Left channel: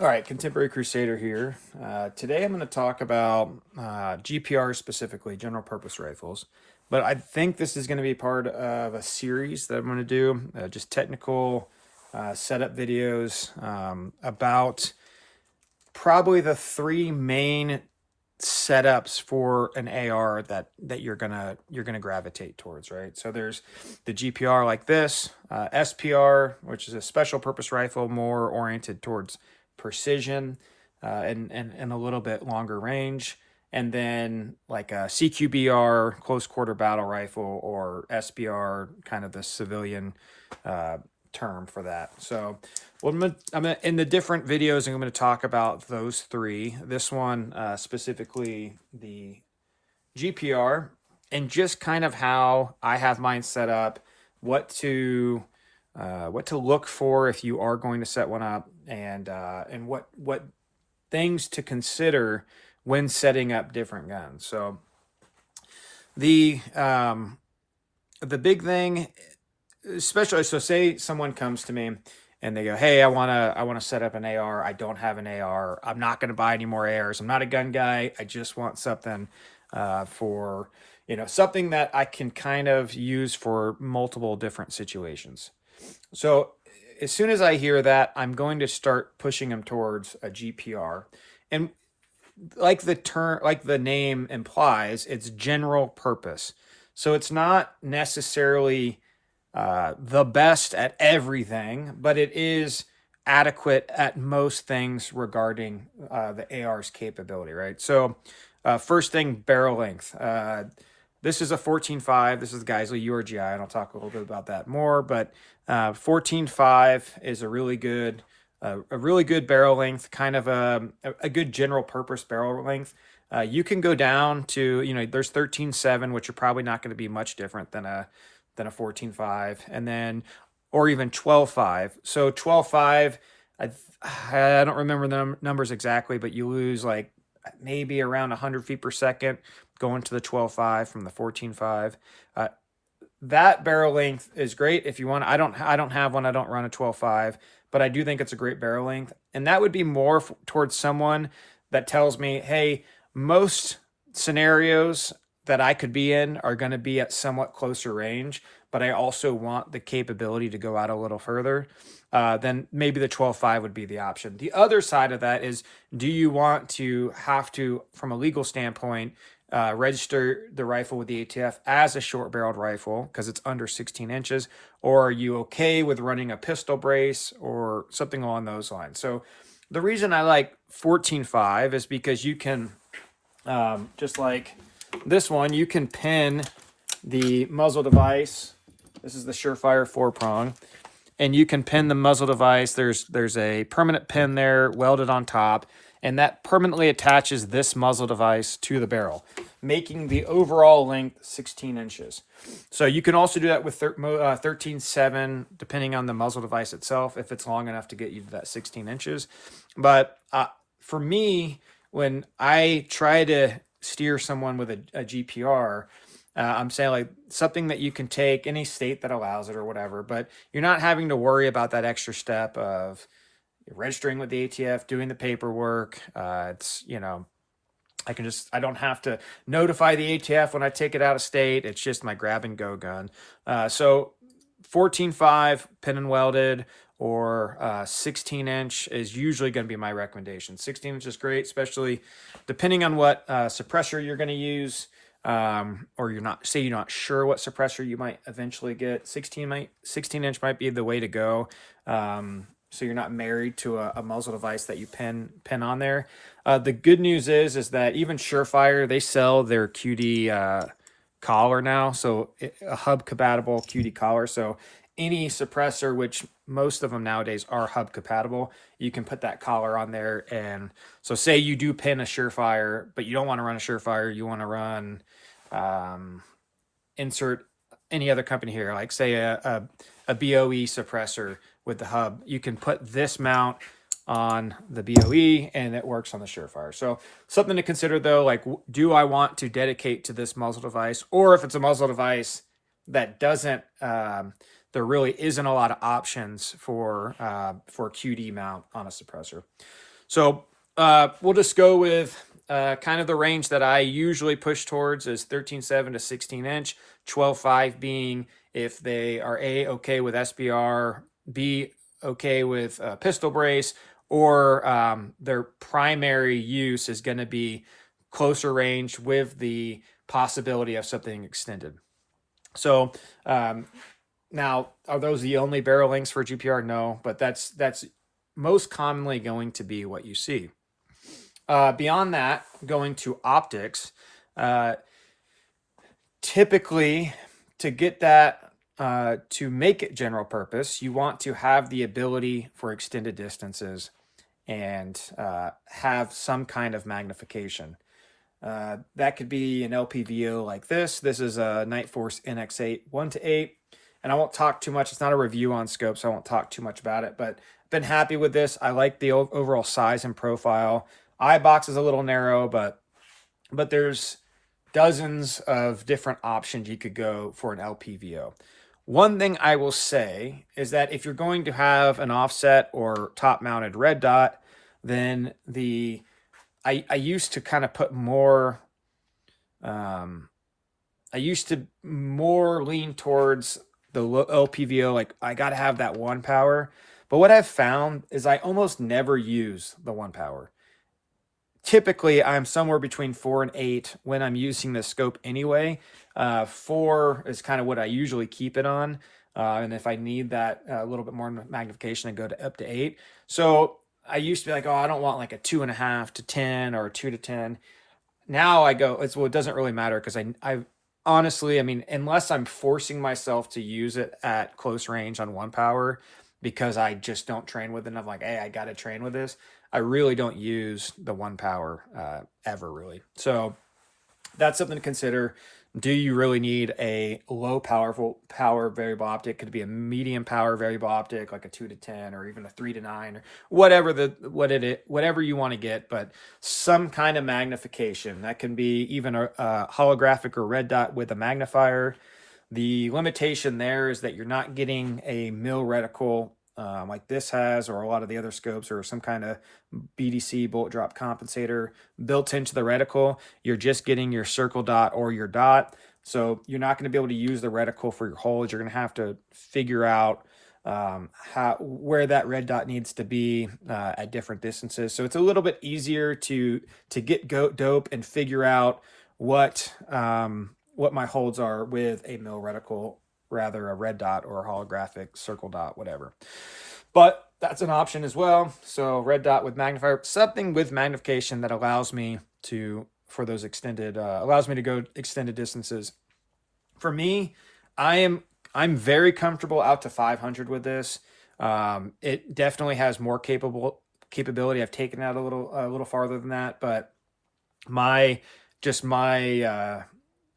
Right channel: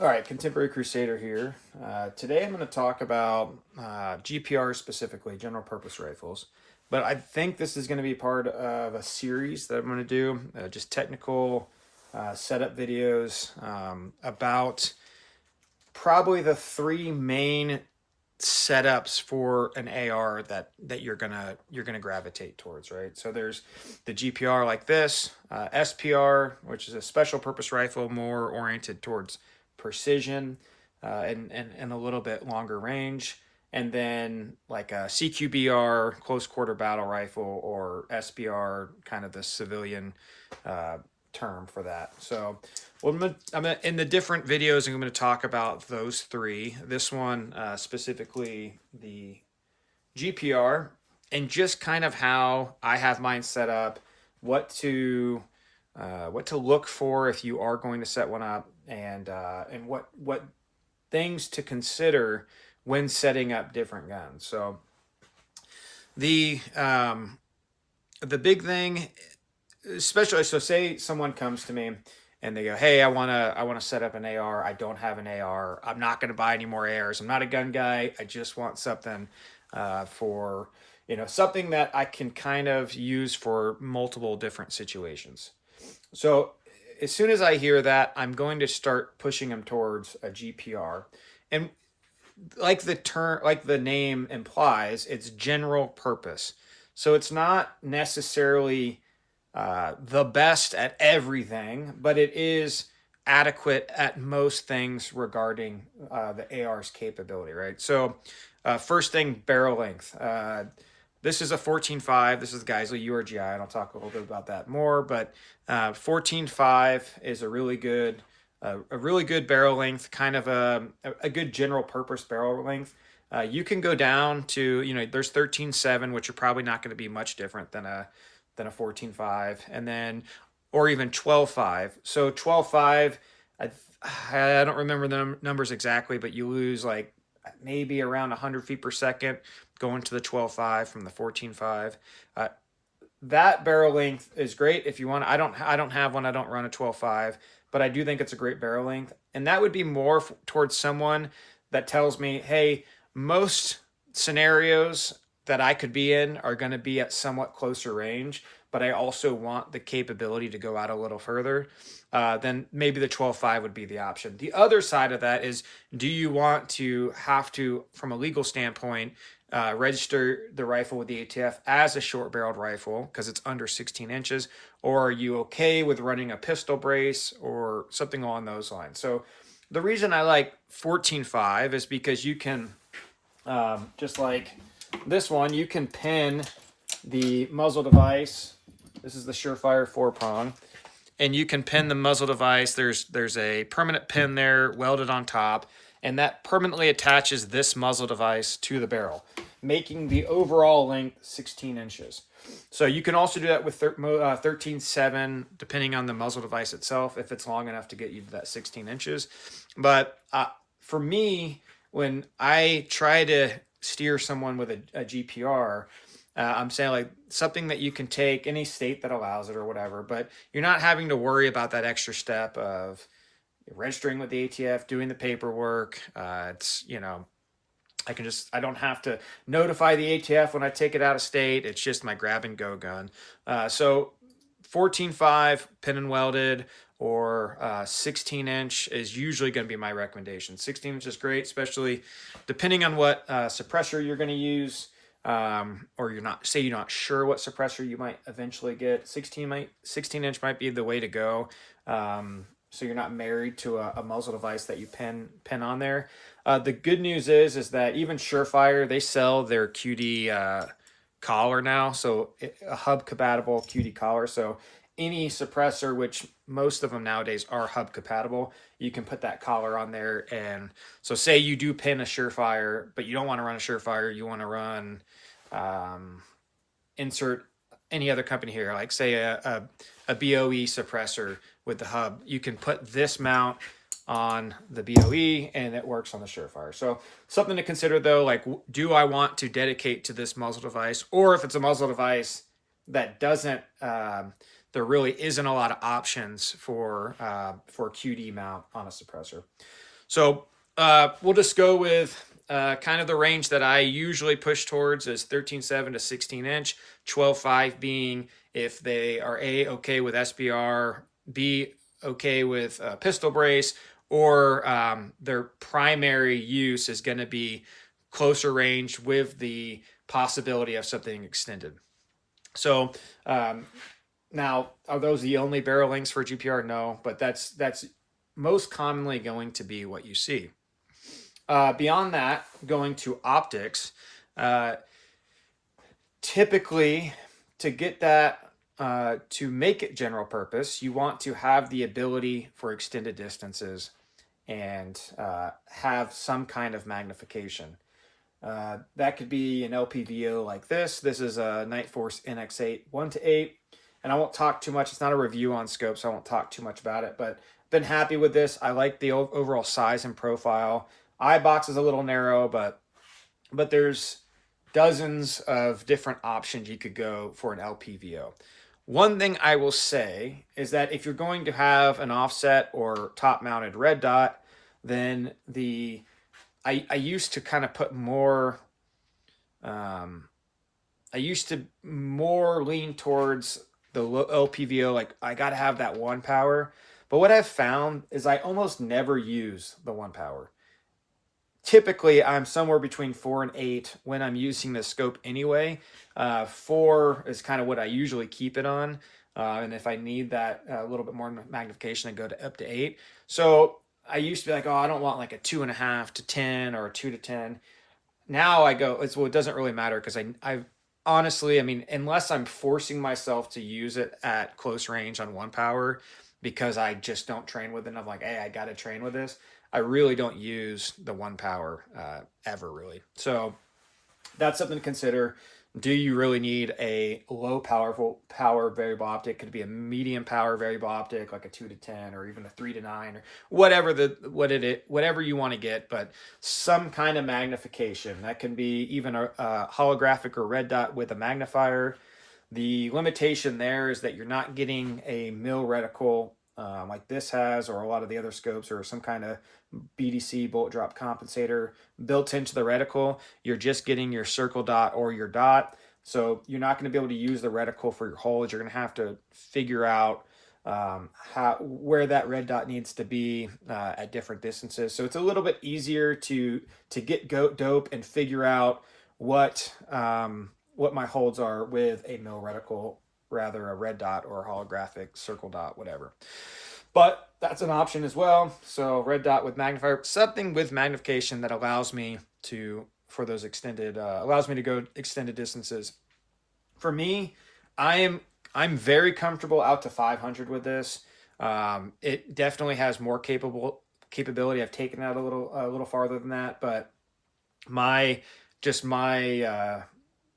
All right, Contemporary Crusader here. Today I'm going to talk about GPR specifically, general purpose rifles. But I think this is going to be part of a series that I'm going to do, just technical setup videos about probably the three main setups for an AR that you're gonna gravitate towards, right? So there's the GPR like this, SPR, which is a special purpose rifle, more oriented towards precision and a little bit longer range, and then like a CQBR, close quarter battle rifle, or SPR, kind of the civilian uh, term for that. So well, in the different videos, I'm going to talk about those three. This one, specifically the GPR, and just kind of how I have mine set up, what to look for if you are going to set one up, and what things to consider when setting up different guns. So the the big thing, especially, so say someone comes to me and they go, hey, I want to set up an AR. I don't have an AR. I'm not going to buy any more ARs. I'm not a gun guy. I just want something for something that I can kind of use for multiple different situations. So as soon as I hear that, I'm going to start pushing them towards a GPR. And like the name implies, it's general purpose. So it's not necessarily the best at everything, but it is adequate at most things regarding the AR's capability, right? So, first thing, barrel length. This is a 14.5. This is the Geissele URG-I, and I'll talk a little bit about that more. But 14.5 is a really good barrel length, kind of a good general purpose barrel length. You can go down to, there's 13.7, which are probably not going to be much different than a 14.5, and then or even 12.5. So 12.5, I don't remember the numbers exactly, but you lose like maybe around 100 feet per second going to the 12.5 from the 14.5. That barrel length is great if you want. I don't have one. I don't run a 12.5, but I do think it's a great barrel length, and that would be more towards someone that tells me, hey, most scenarios that I could be in are going to be at somewhat closer range, but I also want the capability to go out a little further. Then maybe the 12.5 would be the option. The other side of that is, do you want to have to, from a legal standpoint, register the rifle with the ATF as a short barreled rifle because it's under 16 inches, or are you okay with running a pistol brace or something along those lines? So the reason I like 14.5 is because you can, just like this one, you can pin the muzzle device. This is the Surefire 4-prong, and you can pin the muzzle device. There's a permanent pin there welded on top, and that permanently attaches this muzzle device to the barrel, making the overall length 16 inches. So you can also do that with 13.7, depending on the muzzle device itself, if it's long enough to get you to that 16 inches. But for me, when I try to steer someone with a GPR, I'm saying like something that you can take any state that allows it or whatever, but you're not having to worry about that extra step of registering with the ATF, doing the paperwork. I don't have to notify the ATF when I take it out of state. It's just my grab and go gun. So 14.5 pin and welded, or 16-inch is usually going to be my recommendation. 16-inch is great, especially depending on what suppressor you're going to use, or you're not sure what suppressor you might eventually get. 16-inch might be the way to go. So you're not married to a muzzle device that you pin on there. The good news is that even Surefire, they sell their QD collar now, so a hub compatible QD collar. So any suppressor, which most of them nowadays are hub compatible, you can put that collar on there. And so say you do pin a Surefire, but you don't want to run a Surefire, you want to run insert any other company here, like say a BOE suppressor with the hub, you can put this mount on the BOE and it works on the Surefire. So something to consider though, like, do I want to dedicate to this muzzle device? Or if it's a muzzle device that doesn't, there really isn't a lot of options for QD mount on a suppressor. So we'll just go with kind of the range that I usually push towards is 13.7 to 16 inch, 12.5 being if they are A, okay with SBR, B, okay with pistol brace, or their primary use is going to be closer range with the possibility of something extended. So now, are those the only barrel lengths for GPR? No, but that's most commonly going to be what you see. Beyond that, going to optics, uh, typically to get that to make it general purpose, you want to have the ability for extended distances and have some kind of magnification. That could be an LPVO like this. This is a Nightforce NX8 1:8. And I won't talk too much. It's not a review on scope, so I won't talk too much about it. But been happy with this. I like the overall size and profile. Eye box is a little narrow, but there's dozens of different options you could go for an LPVO. One thing I will say is that if you're going to have an offset or top mounted red dot, then I used to kind of put more I used to more lean towards the LPVO, like I got to have that one power. But what I've found is I almost never use the one power. Typically, I'm somewhere between 4 and 8 when I'm using the scope anyway. 4 is kind of what I usually keep it on. And if I need that a little bit more magnification, I go to up to 8. So I used to be like, oh, I don't want like a 2.5 to 10 or a 2 to 10. Now I go, it doesn't really matter because I honestly, I mean, unless I'm forcing myself to use it at close range on one power because I just don't train with it, and I'm like, hey, I got to train with this. I really don't use the one power ever really. So that's something to consider. Do you really need a low power variable optic? Could it be a medium power variable optic, like a 2 to 10, or even a 3 to 9, or whatever you want to get, but some kind of magnification. That can be even a holographic or red dot with a magnifier. The limitation there is that you're not getting a mil reticle like this has, or a lot of the other scopes, or some kind of BDC bolt drop compensator built into the reticle. You're just getting your circle dot or your dot. So you're not going to be able to use the reticle for your holes. You're going to have to figure out where that red dot needs to be at different distances. So it's a little bit easier to get dope and figure out what my holds are with a mil reticle, rather a red dot or a holographic circle dot, whatever. But that's an option as well. So red dot with magnifier, something with magnification that allows me to go extended distances. For me, I'm very comfortable out to 500 with this. It definitely has more capability. I've taken out a little farther than that, but my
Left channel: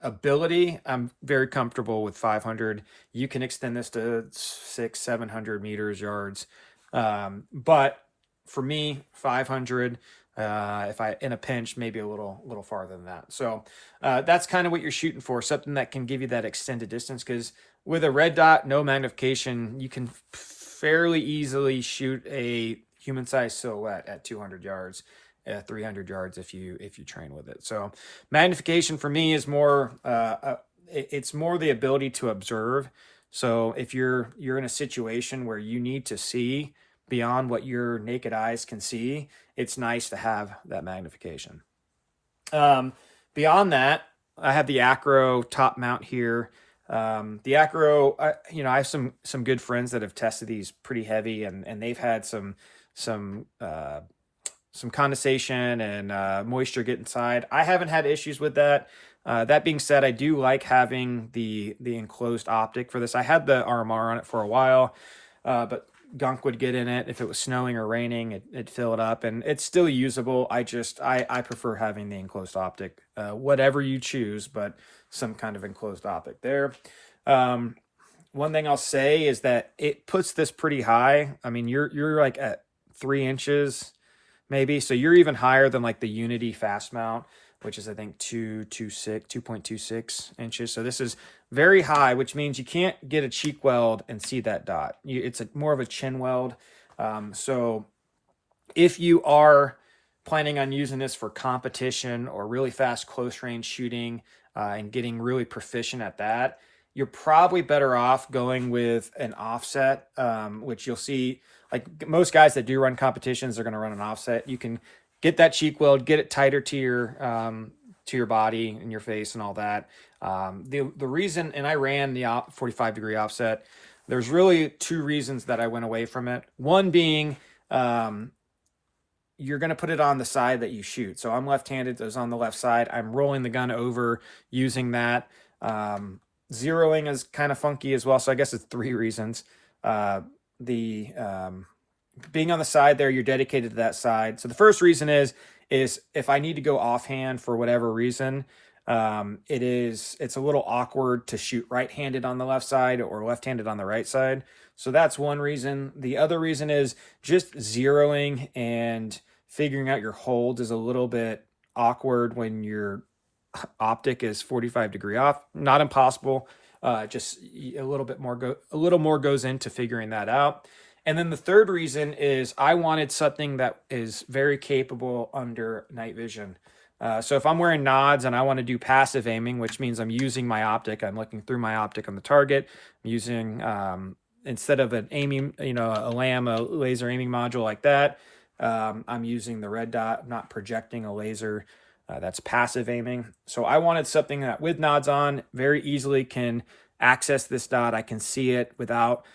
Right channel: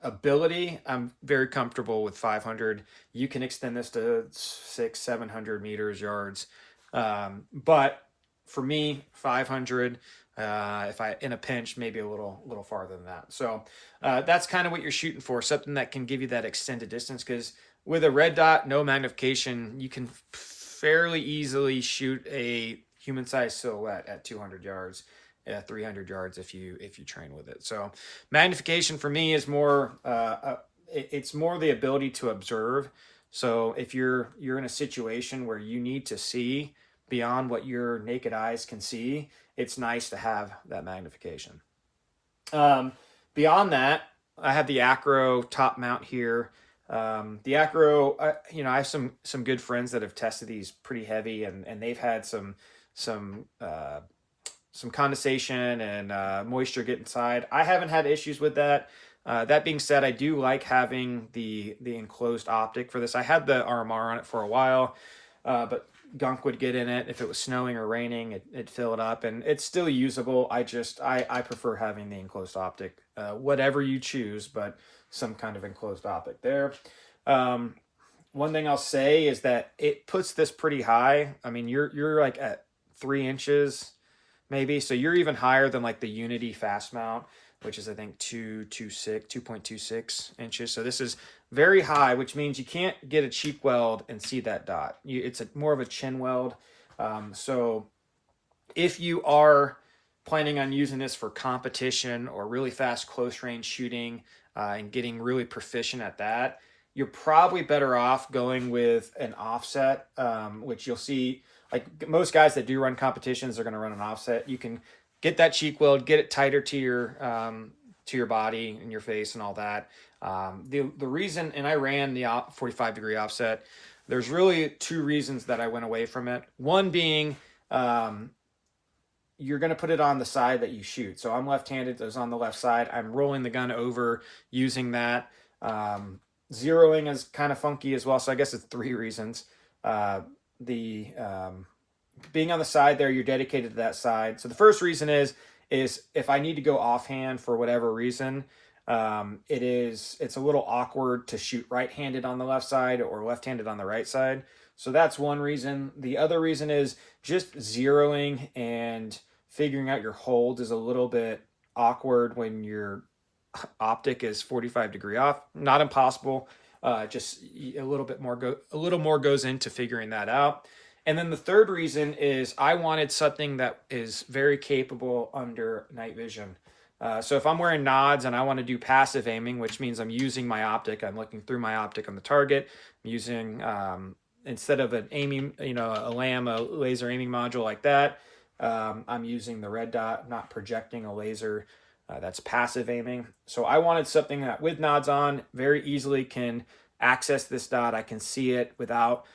ability, I'm very comfortable with 500. You can extend this to 600-700 meters, yards, but for me, 500. If I in a pinch, maybe a little farther than that. So that's kind of what you're shooting for, something that can give you that extended distance. Because with a red dot, no magnification, you can fairly easily shoot a human-sized silhouette at 200 yards. 300 yards if you train with it. So magnification for me is more it's more the ability to observe. So if you're in a situation where you need to see beyond what your naked eyes can see, it's nice to have that magnification. Beyond that, I have the Acro top mount here. The Acro, I have some good friends that have tested these pretty heavy, and they've had some condensation and moisture get inside. I haven't had issues with that. That being said, I do like having the enclosed optic for this. I had the RMR on it for a while, but gunk would get in it. If it was snowing or raining, it'd fill it up, and it's still usable. I prefer having the enclosed optic, whatever you choose, but some kind of enclosed optic there. One thing I'll say is that it puts this pretty high. I mean, you're like at 3 inches maybe. So you're even higher than like the Unity fast mount, which is I think 2.26 inches. So this is very high, which means you can't get a cheek weld and see that dot. It's more of a chin weld. So If you are planning on using this for competition or really fast close range shooting and getting really proficient at that, you're probably better off going with an offset, which you'll see like most guys that do run competitions are going to run an offset. You can get that cheek weld, get it tighter to your body and your face and all that. The reason, and I ran the 45-degree offset. There's really two reasons that I went away from it. One being you're going to put it on the side that you shoot. So I'm left-handed, so it's on the left side. I'm rolling the gun over using that. Zeroing is kind of funky as well. So I guess it's three reasons. The being on the side there, you're dedicated to that side. So the first reason is if I need to go offhand for whatever reason, it's a little awkward to shoot right-handed on the left side or left-handed on the right side. So that's one reason. The other reason is just zeroing and figuring out your hold is a little bit awkward when your optic is 45-degree off. Not impossible. Just a little more goes into figuring that out. And then the third reason is I wanted something that is very capable under night vision. So if I'm wearing nods and I want to do passive aiming, which means I'm using my optic, I'm looking through my optic on the target, I'm using instead of an aiming, a LAM, a laser aiming module like that, I'm using the red dot. I'm not projecting a laser. That's passive aiming. So I wanted something that with nods on very easily can access this dot. I can see it without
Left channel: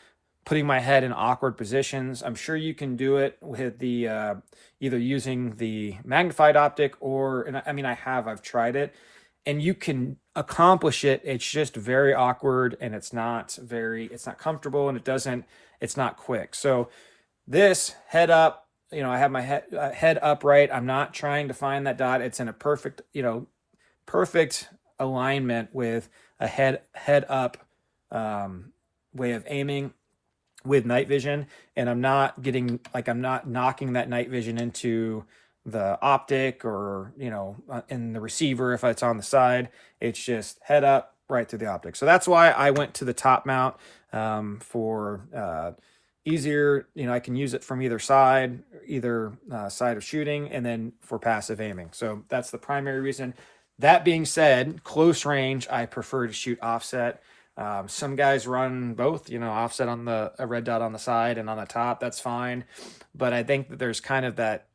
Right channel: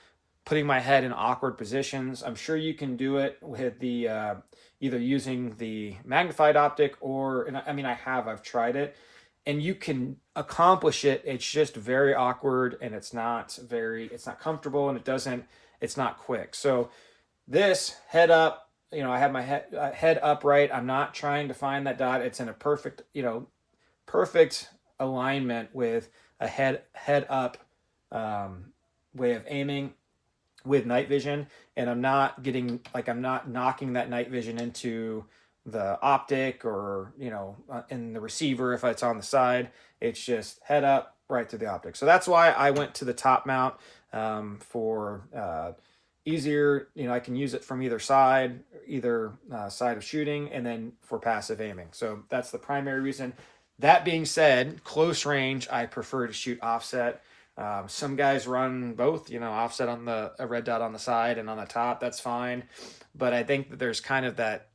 putting my head in awkward positions. I'm sure you can do it with the either using the magnified optic or, and I mean, I've tried it, and you can accomplish it. It's just very awkward and it's not comfortable, and it's not quick. So this head up, I have my head upright. I'm not trying to find that dot. It's in a perfect alignment with a head up way of aiming with night vision, and I'm not knocking that night vision into the optic or in the receiver if it's on the side. It's just head up right through the optic. So that's why I went to the top mount for easier. I can use it from either side of shooting, and then for passive aiming. So that's the primary reason. That being said, close range I prefer to shoot offset. Some guys run both, offset on a red dot on the side and on the top. That's fine. But I think that there's kind of that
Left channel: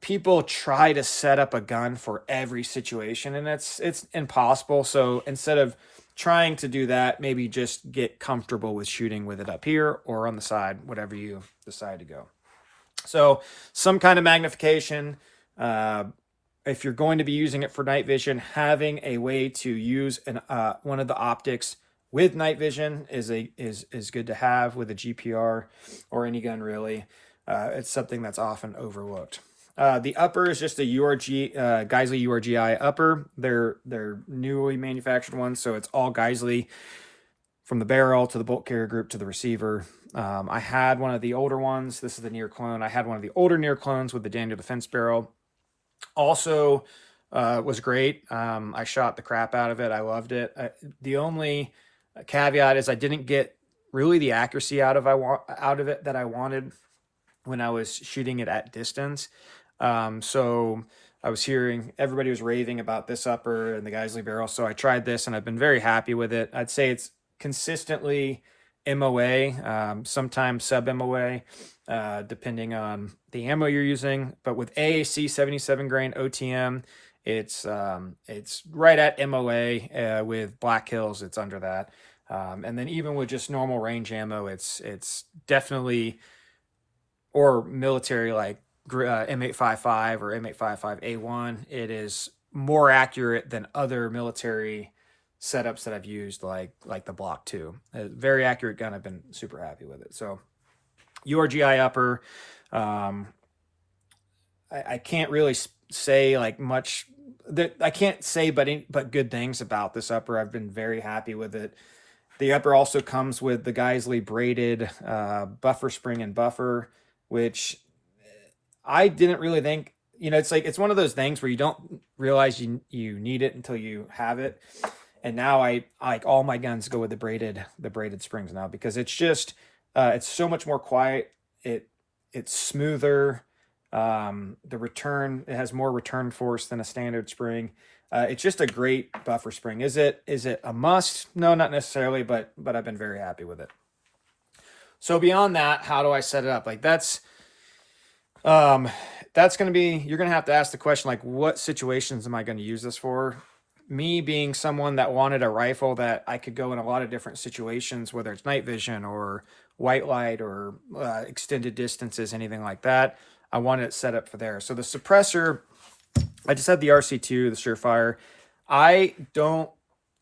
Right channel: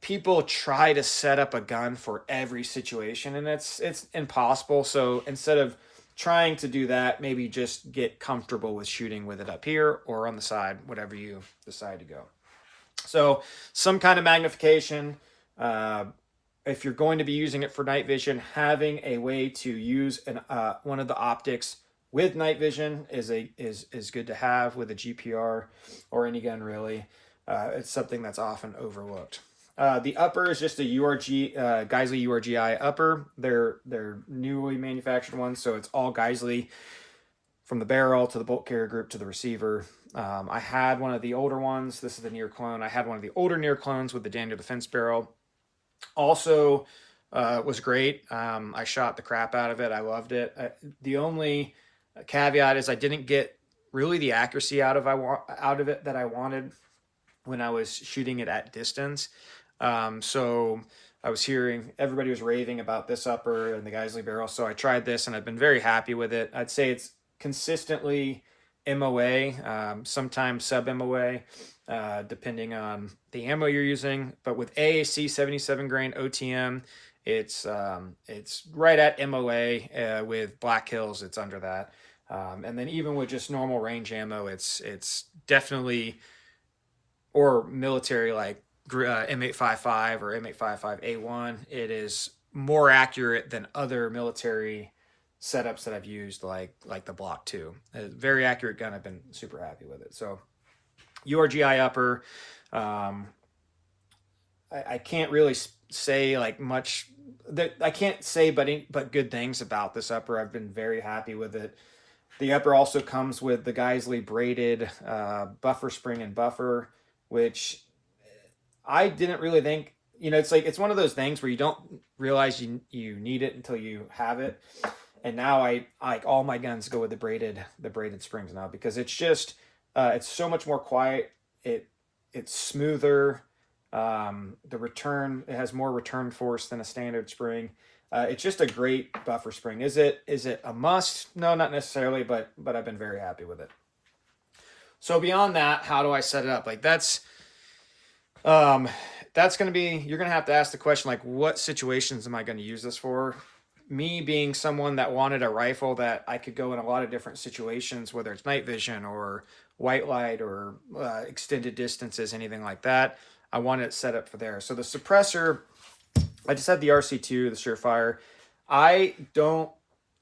people try to set up a gun for every situation, and it's impossible. So instead of trying to do that, maybe just get comfortable with shooting with it up here or on the side, whatever you decide to go. So some kind of magnification. If you're going to be using it for night vision, having a way to use one of the optics with night vision is good to have with a GPR or any gun really. It's something that's often overlooked. The upper is just a Geissele URG-I upper. They're newly manufactured ones, so it's all Geissele from the barrel to the bolt carrier group to the receiver. I had one of the older ones. This is the near clone. I had one of the older near clones with the Daniel Defense barrel. Also was great. I shot the crap out of it. I loved it. The only caveat is I didn't get really the accuracy out of it that I wanted when I was shooting it at distance. So I was hearing everybody was raving about this upper and the Geissele barrel. So I tried this and I've been very happy with it. I'd say it's consistently MOA, sometimes sub MOA, depending on the ammo you're using. But with AAC 77 grain OTM, it's right at MOA. With Black Hills, it's under that. And then even with just normal range ammo, it's definitely, or military like M855 or M855A1, it is more accurate than other military setups that I've used, like the Block 2. A very accurate gun. I've been super happy with it. So URG-I upper, I can't really say like much that I can't say but good things about this upper. I've been very happy with it. The upper also comes with the Geissele braided buffer spring and buffer, which I didn't really think, it's one of those things where you don't realize you need it until you have it. And now I like all my guns go with the braided springs now, because it's just it's so much more quiet. It's smoother. The return, it has more return force than a standard spring. It's just a great buffer spring. Is it a must? No, not necessarily, but I've been very happy with it. So beyond that, how do I set it up? Like that's going to be, you're going to have to ask the question, like, what situations am I going to use this for? Me being someone that wanted a rifle that I could go in a lot of different situations, whether it's night vision or white light or extended distances, anything like that, I wanted it set up for there. So the suppressor, I just had the RC2, the Surefire. I don't,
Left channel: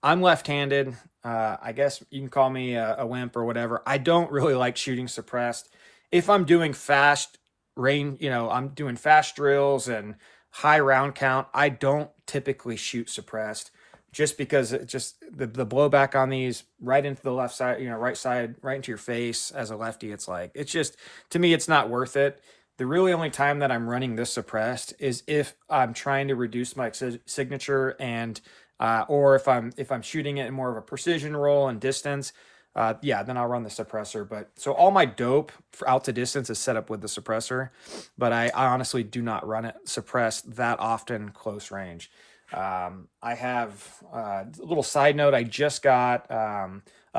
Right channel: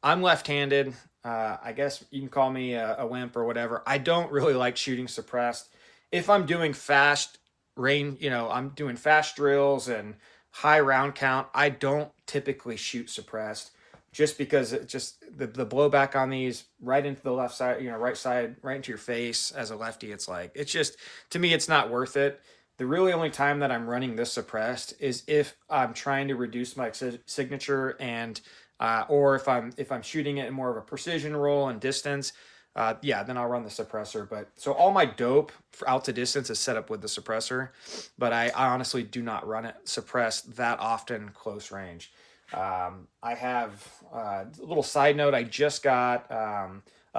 I'm left-handed. I guess you can call me a wimp or whatever. I don't really like shooting suppressed. If I'm doing fast range, I'm doing fast drills and high round count, I don't typically shoot suppressed just because it just the blowback on these right into the left side, right side, right into your face as a lefty. It's just, to me, it's not worth it. The really only time that I'm running this suppressed is if I'm trying to reduce my signature and or if I'm shooting it in more of a precision roll and distance, yeah, then I'll run the suppressor. But so all my dope for out to distance is set up with the suppressor, but I honestly do not run it suppressed that often close range. I have a little side note. I just got a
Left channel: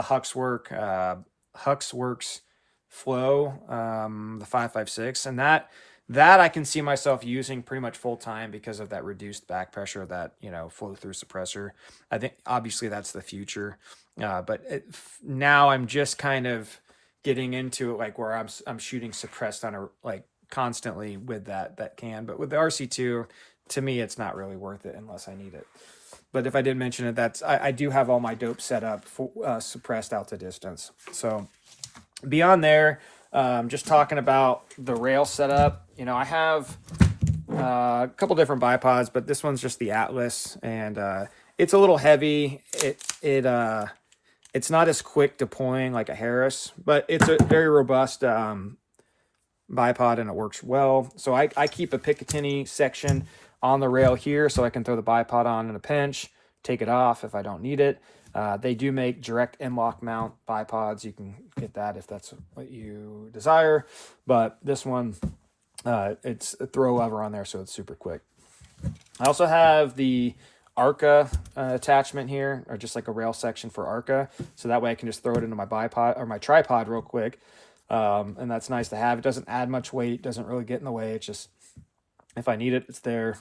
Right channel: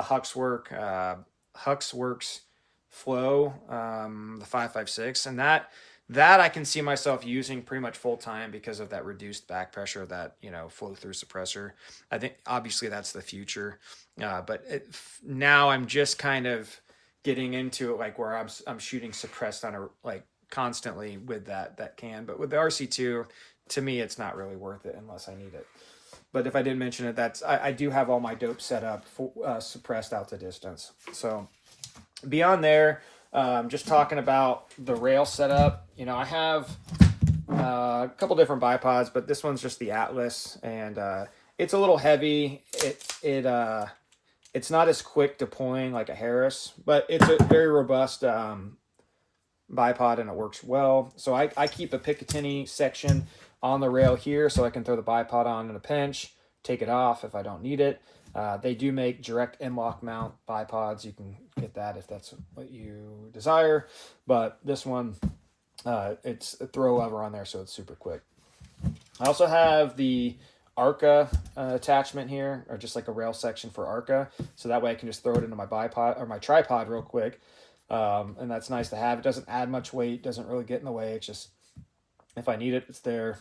Huxworks Flow, the 5.56, and that I can see myself using pretty much full time because of that reduced back pressure, that flow through suppressor. I think obviously that's the future, but now I'm just kind of getting into it, like where I'm shooting suppressed on a like constantly with that can. But with the RC2, to me, it's not really worth it unless I need it. But if I didn't mention it, I do have all my dope set up for suppressed out to distance. So beyond there, just talking about the rail setup, I have a couple different bipods, but this one's just the Atlas, and it's a little heavy. It's not as quick deploying like a Harris, but it's a very robust bipod, and it works well. So I keep a Picatinny section on the rail here so I can throw the bipod on in a pinch, take it off if I don't need it. They do make direct M-LOK mount bipods. You can get that if that's what you desire. But this one, it's a throw lever on there, so it's super quick. I also have the ARCA attachment here, or just like a rail section for ARCA. So that way I can just throw it into my bipod or my tripod real quick. And that's nice to have. It doesn't add much weight, doesn't really get in the way. It's just, if I need it, it's there.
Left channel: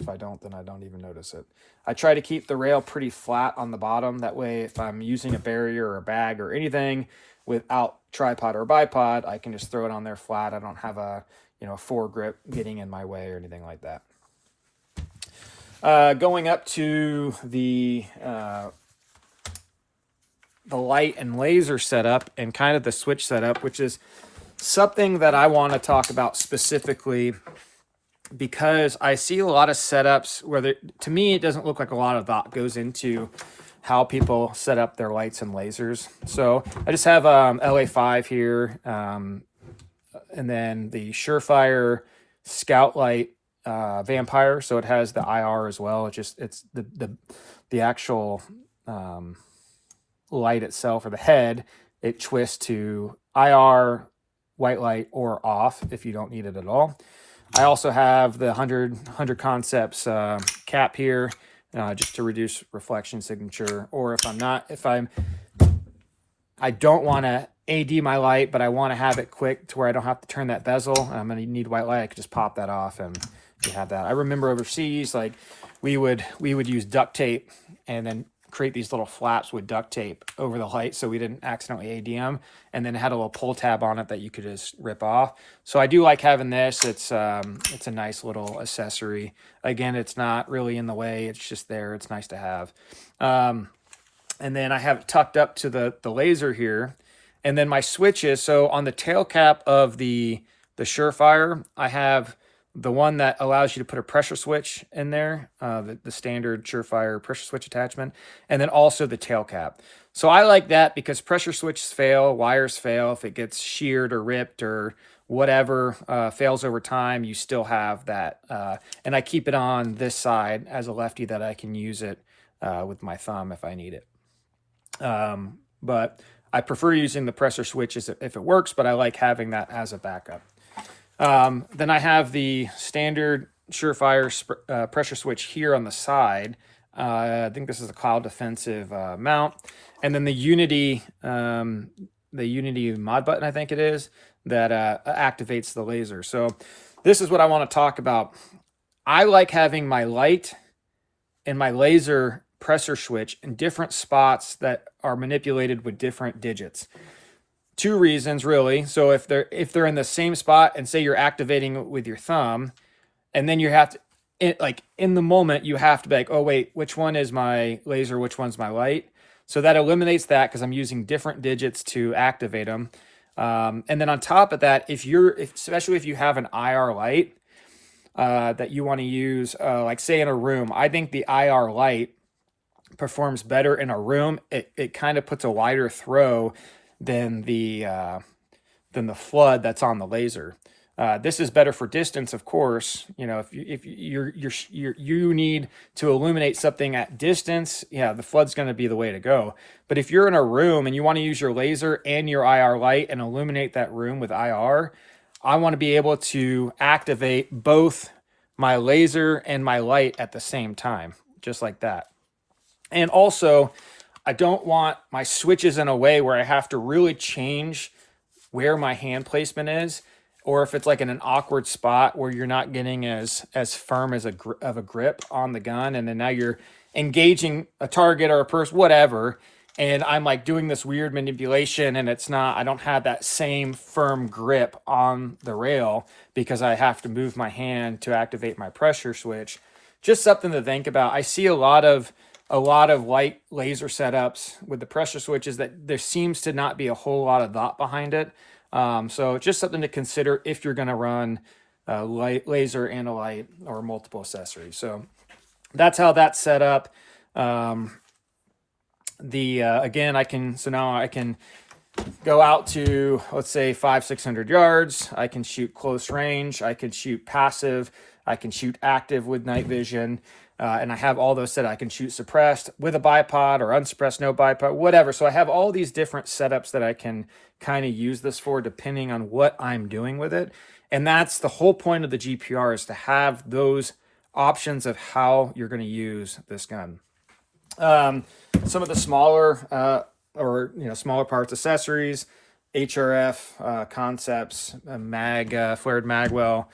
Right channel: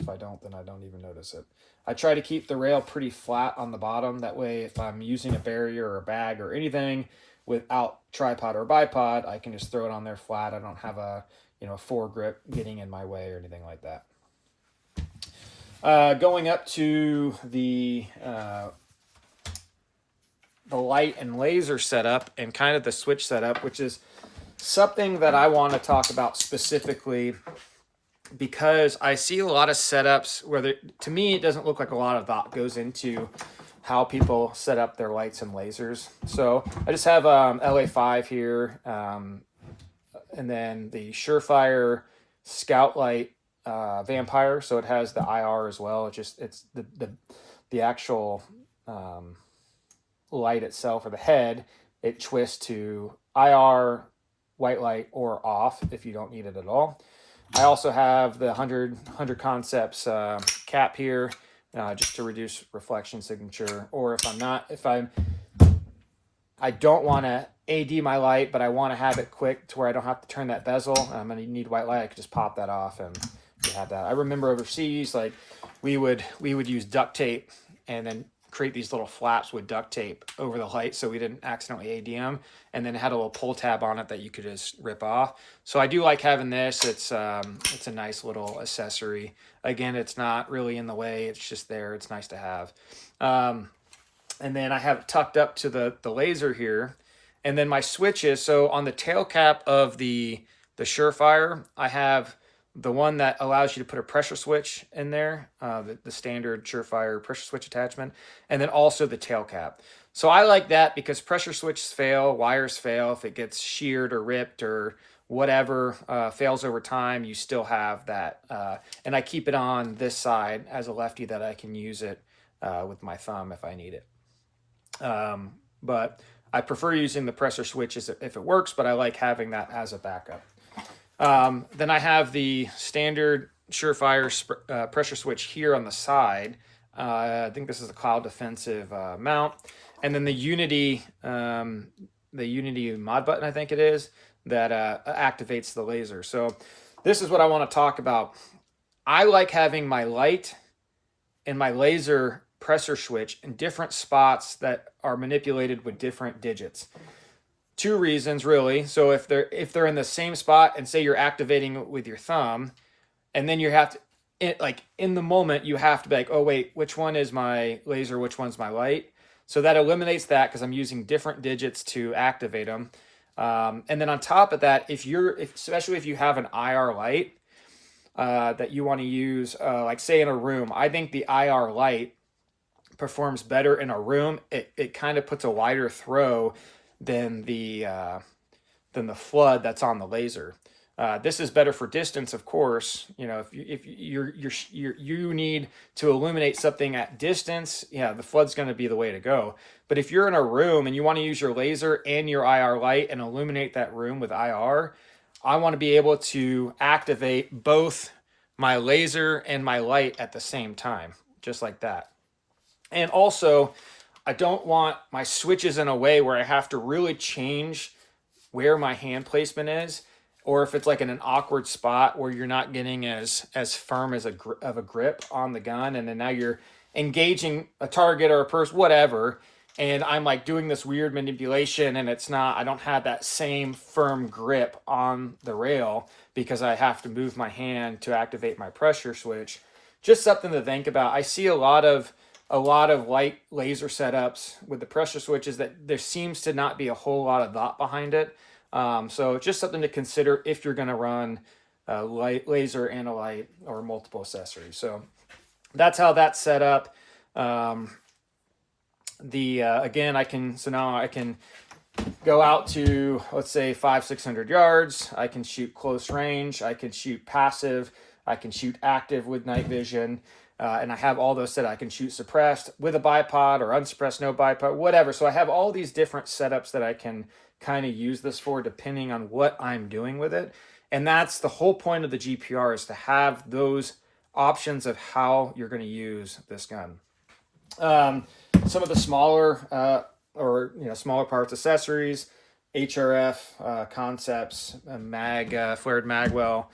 If I don't, then I don't even notice it. I try to keep the rail pretty flat on the bottom. That way, if I'm using a barrier or a bag or anything without tripod or bipod, I can just throw it on there flat. I don't have a foregrip getting in my way or anything like that. Going up to the light and laser setup and kind of the switch setup, which is something that I want to talk about specifically, because I see a lot of setups where to me, it doesn't look like a lot of thought goes into how people set up their lights and lasers. So I just have LA5 here, and then the Surefire Scout Light Vampire. So it has the IR as well. It's the actual light itself, or the head, it twists to IR, white light, or off if you don't need it at all. I also have the 100 Concepts cap here, just to reduce reflection signature. Or I don't want to AD my light, but I want to have it quick to where I don't have to turn that bezel, and I'm going to need white light, I could just pop that off and you have that. I remember overseas, like we would use duct tape and then create these little flaps with duct tape over the light so we didn't accidentally AD them, and then it had a little pull tab on it that you could just rip off. So I do like having this. It's a nice little accessory. Again, it's not really in the way, it's just there. It's nice to have. And then I have it tucked up to the laser here, and then my switches. So on the tail cap of the Surefire, I have the one that allows you to put a pressure switch in there, the standard Surefire pressure switch attachment, and then also the tail cap. So I like that because pressure switches fail, wires fail. If it gets sheared or ripped or whatever, fails over time, you still have that. And I keep it on this side as a lefty that I can use it with my thumb if I need it. But I prefer using the pressure switches if it works, but I like having that as a backup. Then I have the standard Surefire pressure switch here on the side. I think this is a cloud defensive mount, and then the Unity mod button, I think it is, that activates the laser. So this is what I want to talk about. I like having my light and my laser pressure switch in different spots that are manipulated with different digits. Two reasons really. So if they're in the same spot, and say you're activating it with your thumb, and then you have to in the moment you have to be like, oh wait, which one is my laser, which one's my light? So that eliminates that because I'm using different digits to activate them. And then on top of that, especially if you have an IR light that you want to use, like say in a room, I think the IR light performs better in a room. It kind of puts a wider throw than the flood that's on the laser. This is better for distance, of course. You know, if you need to illuminate something at distance, yeah, the flood's going to be the way to go. But if you're in a room and you want to use your laser and your IR light and illuminate that room with IR, I want to be able to activate both my laser and my light at the same time, just like that. And also, I don't want my switches in a way where I have to really change where my hand placement is, or if it's like in an awkward spot where you're not getting as firm as of a grip on the gun, and then now you're engaging a target or a person, whatever, and I'm like doing this weird manipulation, and I don't have that same firm grip on the rail because I have to move my hand to activate my pressure switch. Just something to think about. I see a lot of light laser setups with the pressure switches that there seems to not be a whole lot of thought behind it. So just something to consider if you're going to run laser and a light or multiple accessories. So that's how that's set up. Again, now I can go out to, let's say 500-600 yards. I can shoot close range. I can shoot passive. I can shoot active with night vision. And I have all those set. I can shoot suppressed with a bipod or unsuppressed, no bipod, whatever. So I have all these different setups that I can kind of use this for depending on what I'm doing with it. And that's the whole point of the GPR, is to have those options of how you're going to use this gun. Some of the smaller smaller parts, accessories, HRF concepts, flared magwell.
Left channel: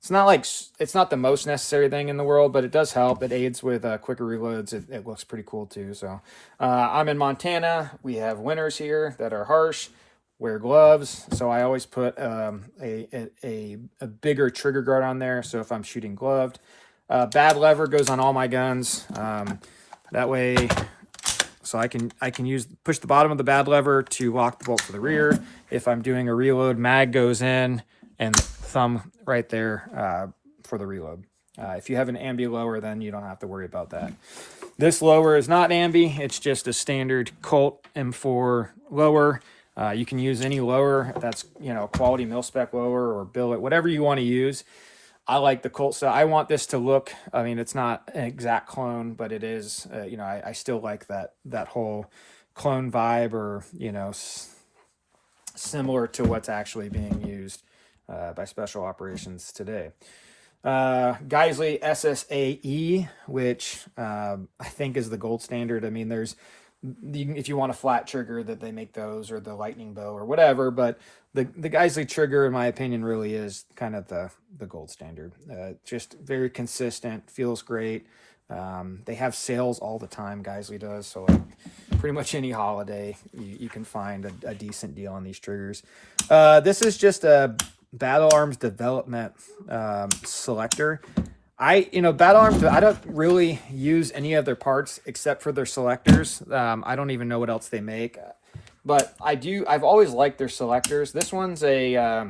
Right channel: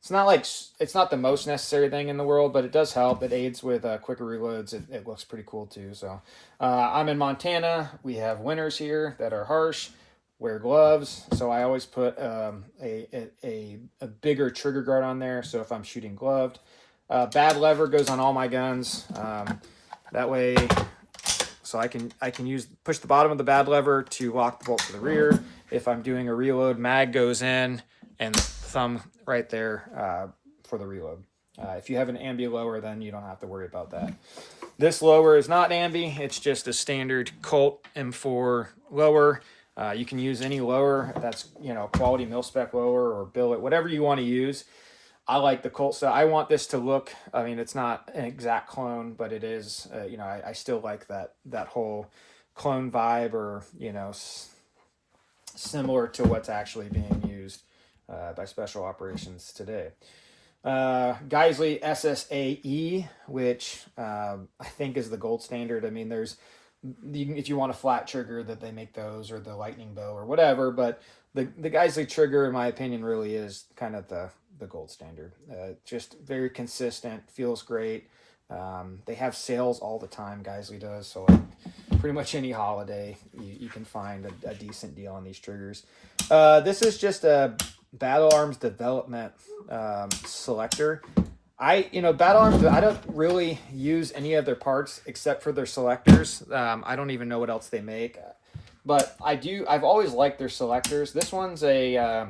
It's not the most necessary thing in the world, but it does help. It aids with quicker reloads. It looks pretty cool too. So I'm in Montana. We have winters here that are harsh. Wear gloves, so I always put a bigger trigger guard on there. So if I'm shooting gloved, bad lever goes on all my guns. That way, so I can push the bottom of the bad lever to lock the bolt to the rear. If I'm doing a reload, mag goes in, and thumb right there for the reload. If you have an ambi lower, then you don't have to worry about that. This lower is not ambi. It's just a standard Colt M4 lower. You can use any lower that's, quality mil-spec lower or billet, whatever you want to use. I like the Colt style. I want this to look, it's not an exact clone, but it is, I still like that whole clone vibe, or, similar to what's actually being used by special operations today. Geissele SSAE, which I think is the gold standard. If you want a flat trigger, that they make those, or the lightning bow or whatever, but the Geissele trigger, in my opinion, really is kind of the gold standard. Just very consistent, feels great. They have sales all the time, Geissele does, so pretty much any holiday you can find a decent deal on these triggers. This is just a Battle Arms development selector. Battle Arms, I don't really use any of their parts except for their selectors. I don't even know what else they make, but I've always liked their selectors. This one's a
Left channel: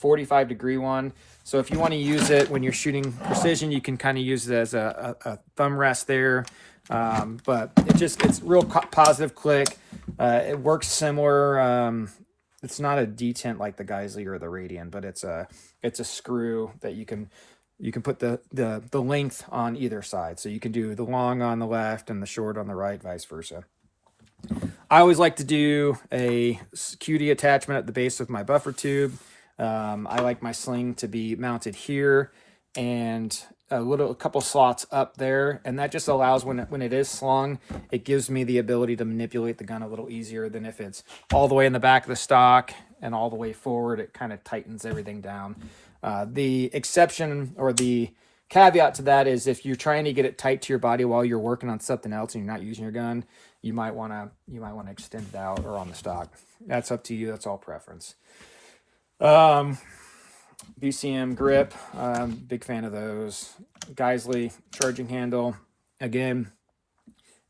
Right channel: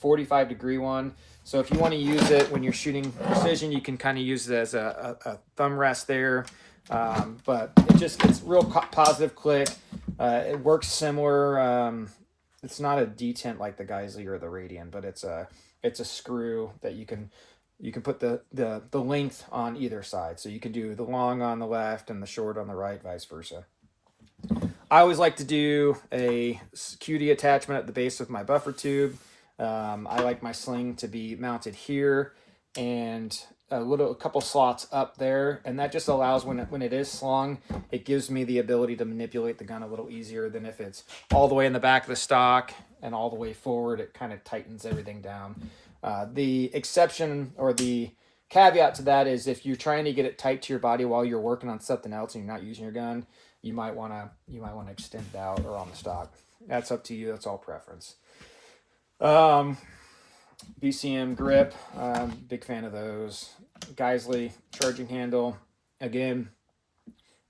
45-degree one, so if you want to use it when you're shooting precision, you can kind of use it as a thumb rest there. But it's real positive click. It works similar. It's not a detent like the Geissele or the Radian, but it's a screw that you can put the length on either side. So you can do the long on the left and the short on the right, vice versa. I always like to do a QD attachment at the base of my buffer tube. I like my sling to be mounted here and a couple slots up there, and that just allows when it is slung, it gives me the ability to manipulate the gun a little easier than if it's all the way in the back of the stock and all the way forward. It kind of tightens everything down. The exception or the caveat to that is if you're trying to get it tight to your body while you're working on something else and you're not using your gun, you might want to extend it out or on the stock. That's up to you. That's all preference. BCM grip, big fan of those. Geissele charging handle. Again,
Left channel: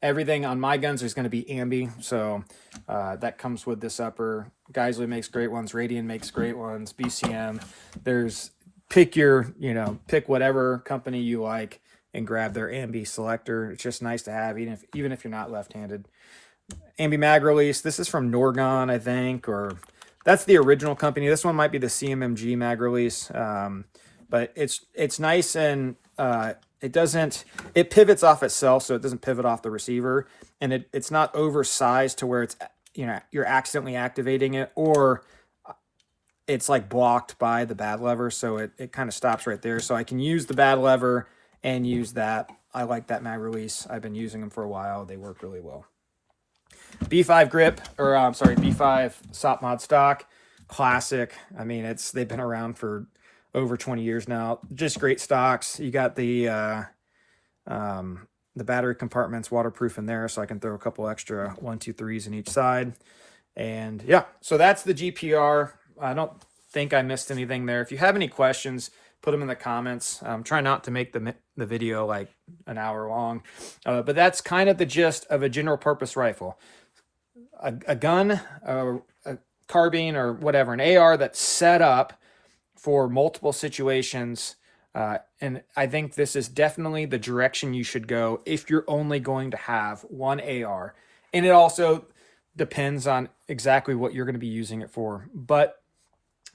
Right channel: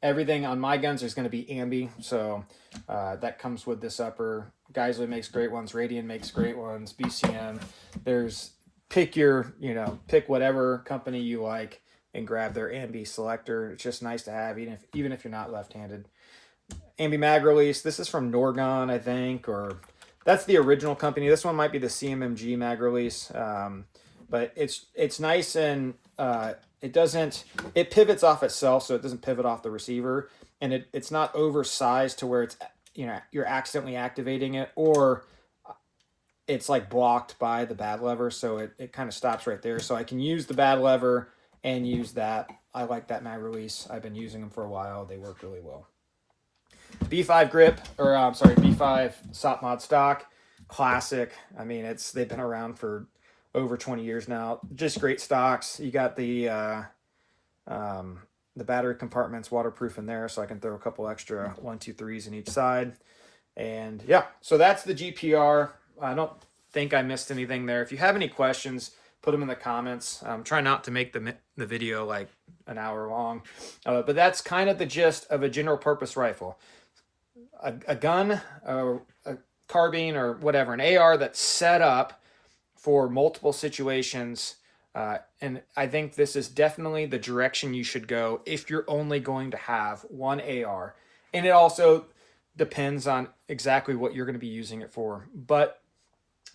everything on my guns is going to be ambi, so that comes with this upper. Geissele makes great ones. Radian makes great ones. BCM. Pick whatever company you like and grab their ambi selector. It's just nice to have, even if you're not left-handed. Ambi mag release. This is from Norgon, I think, or that's the original company. This one might be the CMMG mag release, but it's nice, and it pivots off itself, so it doesn't pivot off the receiver, and it's not oversized to where it's you're accidentally activating it, or it's like blocked by the bad lever, so it kind of stops right there. So I can use the bad lever and use that. I like that mag release. I've been using them for a while. They work really well. B5 grip, or I'm sorry, B5 SOP mod stock, classic. I mean, they've been around for over 20 years now. Just great stocks. You got the battery compartments waterproof in there, so I can throw a couple extra 1, 2, 3s in each side. And yeah, so that's the GPR. I don't think I missed anything there. If you have any questions, put them in the comments. Try not to make the video like an hour long, but that's kind of the gist of a general purpose rifle. A gun, a carbine, or whatever, an AR that's set up for multiple situations. And I think this is definitely the direction you should go if you're only going to have one AR. And it also depends on exactly what you're going to be using it for. But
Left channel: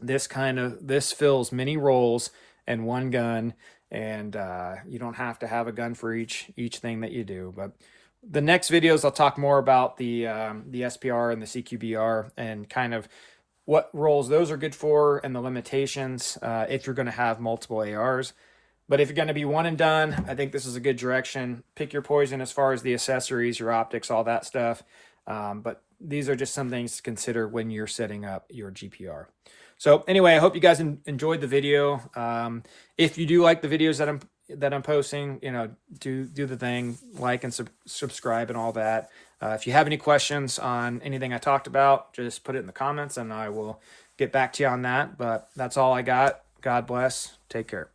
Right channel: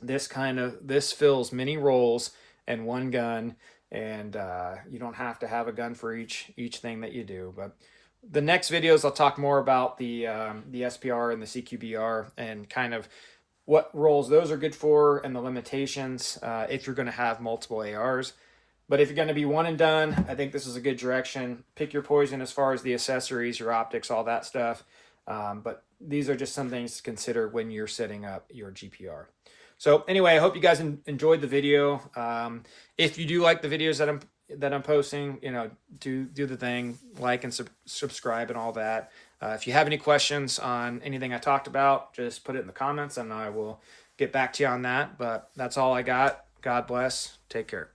this fills many roles in one gun, and you don't have to have a gun for each thing that you do. But the next videos, I'll talk more about the SPR and the CQBR and kind of what roles those are good for and the limitations if you're going to have multiple ARs. But if you're going to be one and done, I think this is a good direction. Pick your poison as far as the accessories, your optics, all that stuff. But these are just some things to consider when you're setting up your GPR. So anyway, I hope you guys enjoyed the video. If you do like the videos that I'm posting, do the thing, like and subscribe and all that. If you have any questions on anything I talked about, just put it in the comments and I will get back to you on that. But that's all I got. God bless. Take care.